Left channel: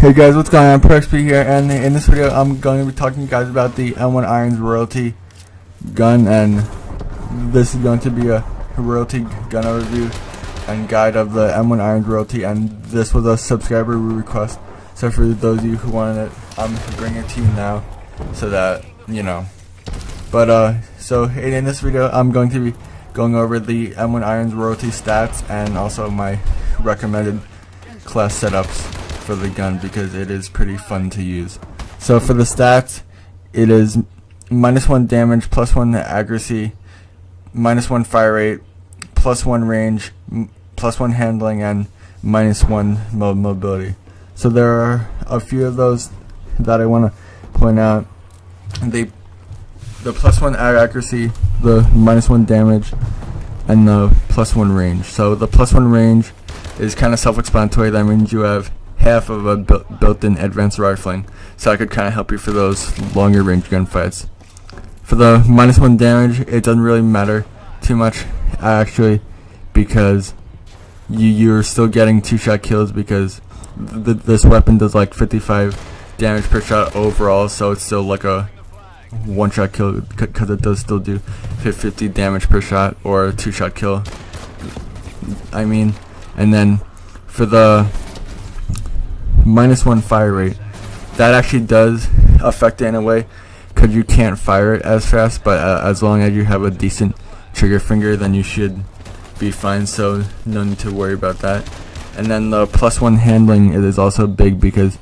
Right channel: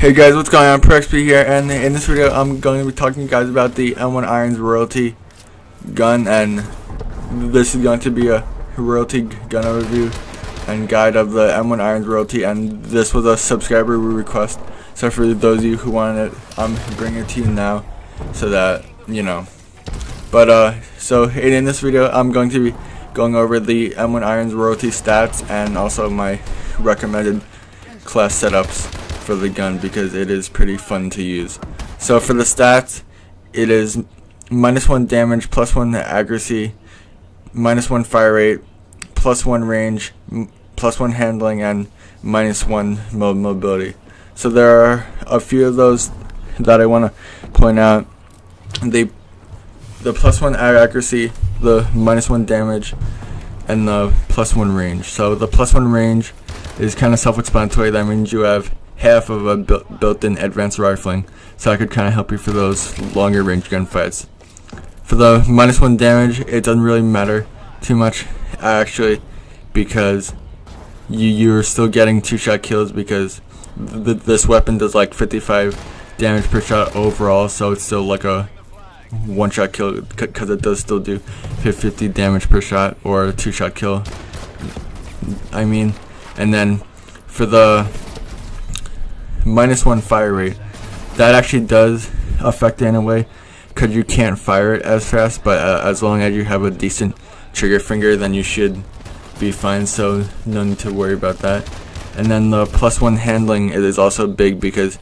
Hey guys, what's going on? ProXP here, and in this video I'm going to be talking to you guys about the M1 Irons royalty gun, and this is going to be a royalty gun overview and guide of the M1 Irons royalty, and this was a subscriber request, so for those of you who wanted it, I'm bringing it to you now so that you know. But so in this video I'm going to be going over the M1 Irons royalty stats and also my recommended class setups for the gun, because it is pretty fun to use. So for the stats, it is -1 damage, +1 accuracy, -1 fire rate, +1 range, +1 handling, and -1 mobility. So there are a few of those that I want to point out. The +1 accuracy, the -1 damage, and the +1 range. So the +1 range is kind of self-explanatory. That means you have half of a built-in advanced rifling, so I could kind of help you for those longer range gunfights. For the -1 damage, it doesn't really matter too much actually, because you're still getting 2-shot kills, because this weapon does like 55 damage per shot overall, so it's still like a 1-shot kill, because it does still do 50 damage per shot, or a 2-shot kill I mean. And then for the -1 fire rate, that actually does affect it in a way, because you can't fire it as fast, but as long as you have a decent trigger finger, then you should be fine, so no need to worry about that. And then the +1 handling is also big, because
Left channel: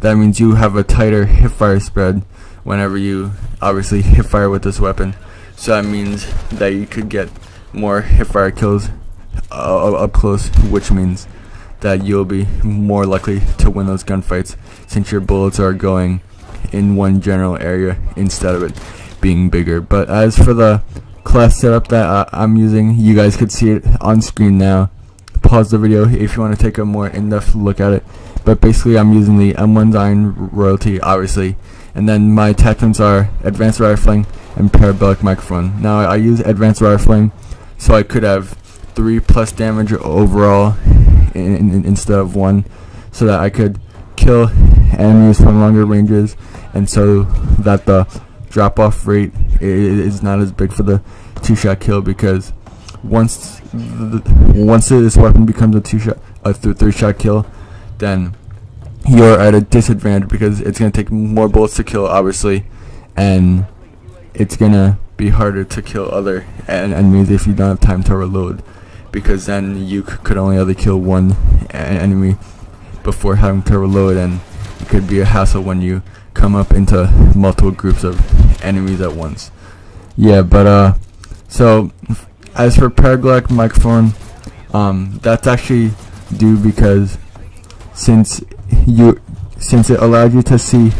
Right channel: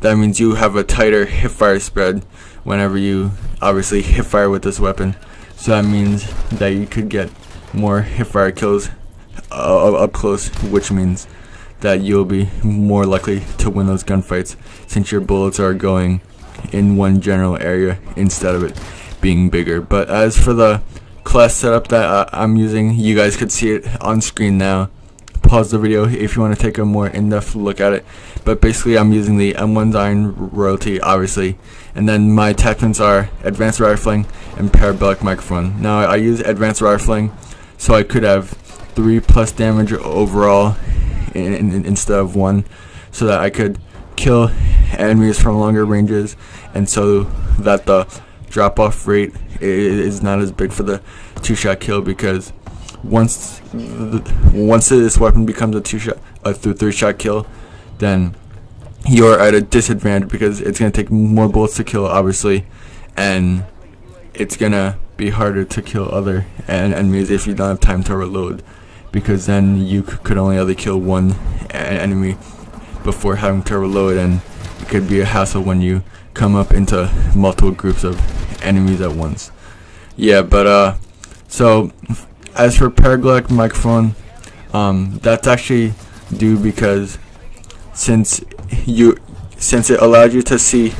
that means you have a tighter hipfire spread whenever you obviously hipfire with this weapon, so that means that you could get more hipfire kills up close, which means that you'll be more likely to win those gunfights, since your bullets are going in one general area instead of it being bigger. But as for the class setup that I'm using, you guys could see it on screen now. Pause the video if you want to take a more in-depth look at it. But basically I'm using the M1 Iron royalty, obviously, and then my attachments are advanced rifling and parabolic microphone. Now I use advanced rifling so I could have 3+ damage overall instead of 1, so that I could kill enemies from longer ranges, and so that the drop-off rate is not as big for the 2-shot kill, because once this weapon becomes a 3-shot kill, then you're at a disadvantage, because it's going to take more bullets to kill, obviously, and it's going to be harder to kill other enemies if you don't have time to reload, because then you could only kill one enemy before having to reload, and it could be a hassle when you come up into multiple groups of enemies at once. Yeah, but so as for parabolic microphone, that's actually due because since it allows you to see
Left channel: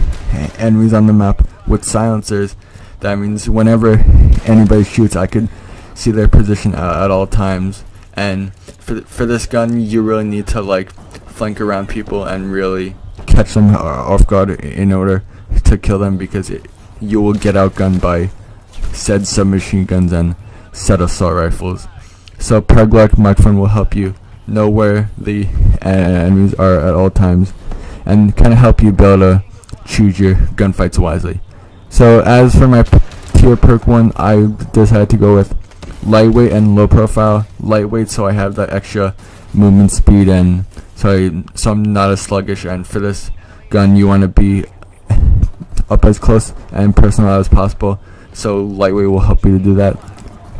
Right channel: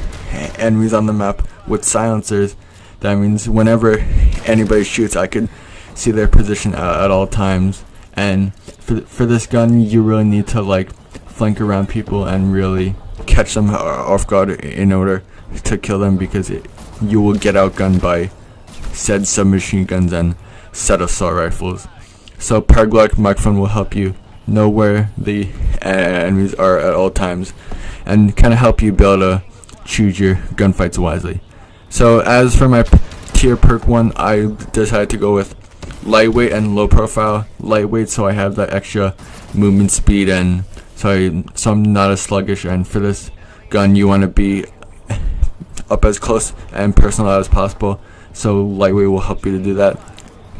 enemies on the map with silencers, that means whenever anybody shoots, I could see their position at all times. And for this gun, you really need to like flank around people and really catch them off guard in order to kill them, because you will get outgunned by said submachine guns and said assault rifles. So parabolic microphone will help you know where the enemies are at all times, and kind of help you be able to choose your gunfights wisely. So as for my tier perk 1, I decided to go with lightweight and low profile. Lightweight, so I have that extra movement speed, and so I'm not as sluggish, and for this gun you want to be up as close and personal as possible, so lightweight will help you to do that.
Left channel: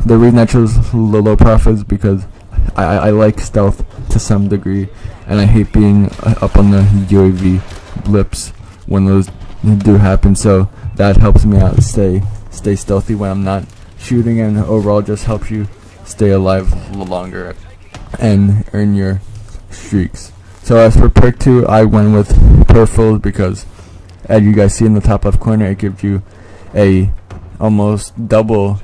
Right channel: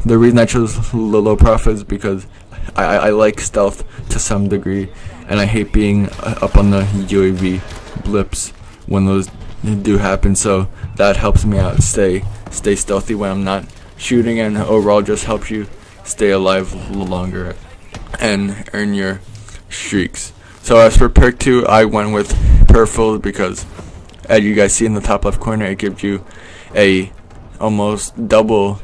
The reason I chose low profile is because I like stealth to some degree, and I hate being up on the UAV blips when those do happen, so that helps me out stay stealthy when I'm not shooting, and overall just helps you stay alive longer and earn your streaks. So as for perk 2, I went with Peripherals, because as you guys see in the top left corner, it gives you a almost double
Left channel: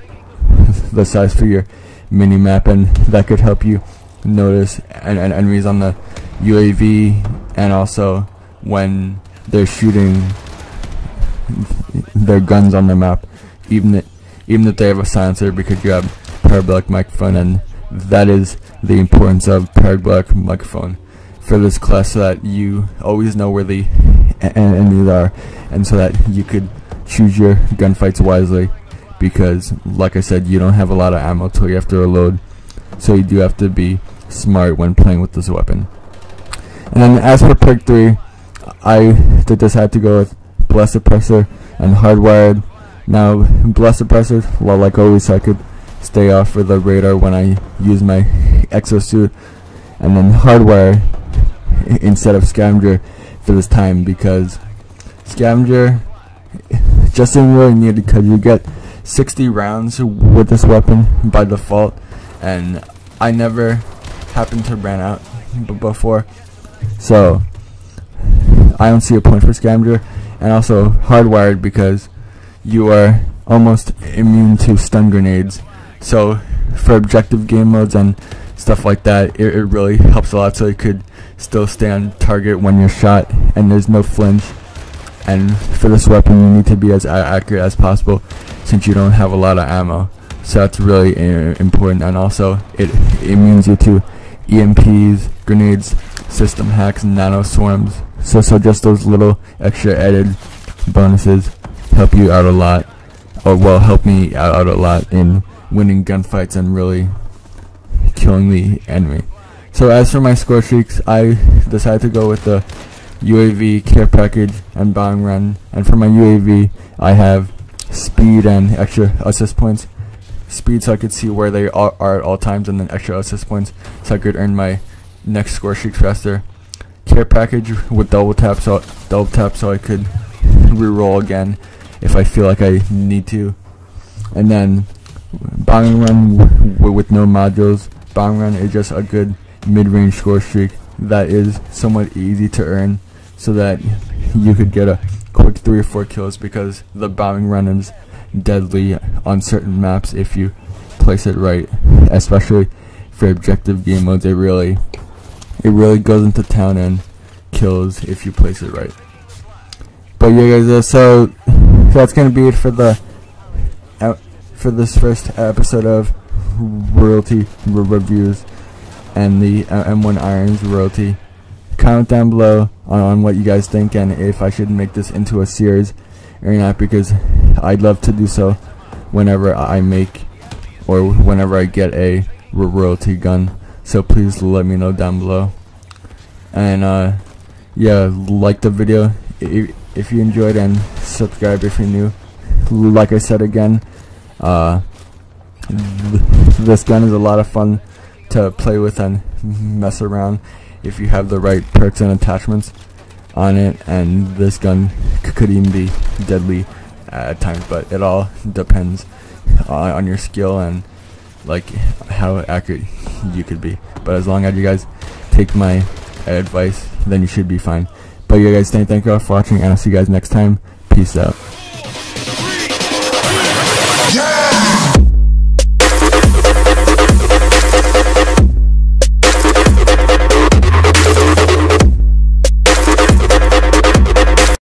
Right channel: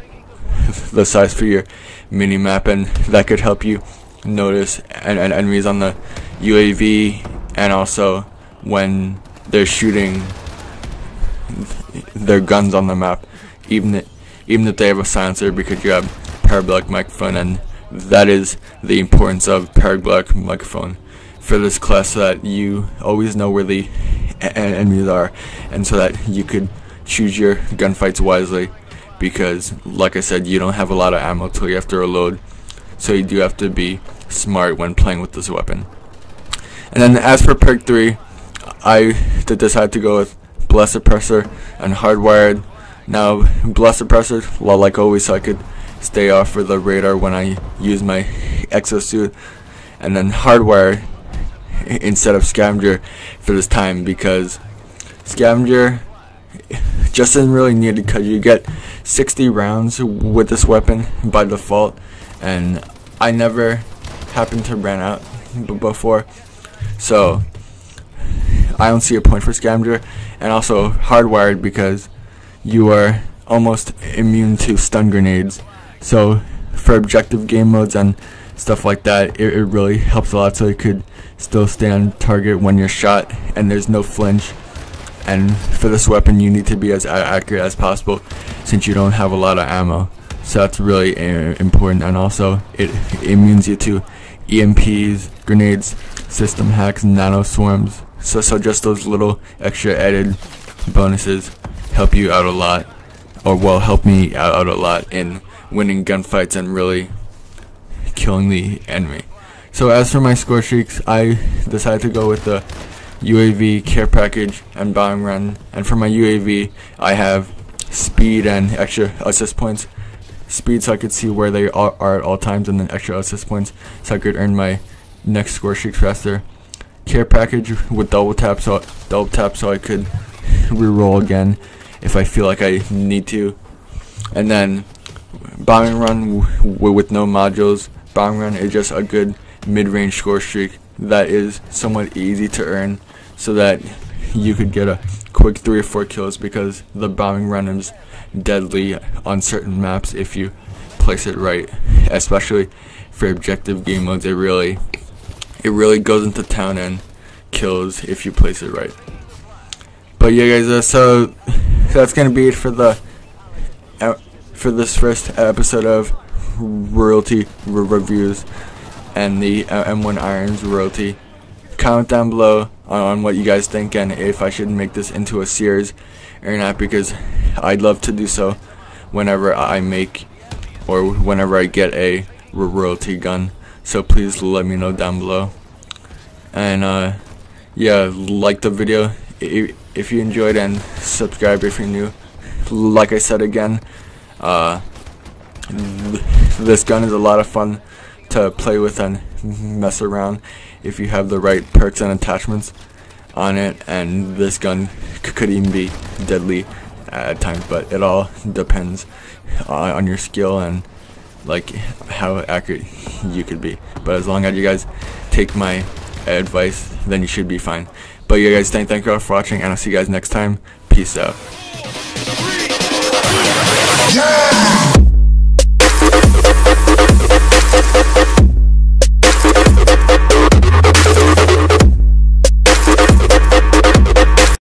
the size for your mini map, and that could help you notice enemies on the UAV, and also when they're shooting their guns on the map, even if they have a silencer, because you have parabolic microphone, and that is the importance of parabolic microphone. for this class so that you always know where the enemies are, and so that you could choose your gunfights wisely, because like I said, you don't have a lot of ammo till you have to reload, so you do have to be smart when playing with this weapon. And then as for perk 3, I decided to go with Blast Suppressor and Hardwired. Now Blast Suppressor, well, like always, so I could stay off for the radar when I use my exosuit, and then Hardwire instead of Scavenger for this time, because Scavenger just isn't really needed, because you get 60 rounds with this weapon by default, and I never happened to run out before, so I don't see a point for Scavenger. And also Hardwired, because you are almost immune to stun grenades, so for objective game modes and stuff like that, it really helps a lot, so you could still stay on target when you're shot and there's no flinch. And for this weapon, you need to be as accurate as possible, since you don't have a lot of ammo, so that's really important. And also it immunes you to EMPs, grenades, system hacks, and nano swarms, so just those little extra added bonuses help you out a lot, or well, help me out a lot in winning gunfights and really killing the enemy. So as for my score streaks, I decided to go with the UAV, care package, and bombing run. And for my UAV, I have speed and extra assist points. Speed so I could see where they are at all times, and then extra assist points so I could earn my next score streak faster. Care package with double tap so I could reroll again if I feel like I need to. And then bombing run with no modules. Bombing run is just a good mid-range score streak that is somewhat easy to earn, so that you could get a quick 3 or 4 kills, because the bombing run is deadly on certain maps if you place it right, especially for objective game modes. It really goes into town and kills if you place it right. But yeah, guys, so that's gonna be it for this first episode of Royalty Reviews and the M1 Irons Royalty. Comment down below on what you guys think, and if I should make this into a series or not, because I'd love to do so whenever I make or whenever I get a royalty gun. So please let me know down below. And yeah, like the video if you enjoyed, and subscribe if you're new. Like I said again, this gun is a lot of fun to play with and mess around if you have the right perks and attachments on it, and this gun could even be deadly at times, but it all depends on your skill and like how accurate you could be. But as long as you guys take my advice, then you should be fine. But yeah, guys, thank you all for watching, and I'll see you guys next time. Peace out.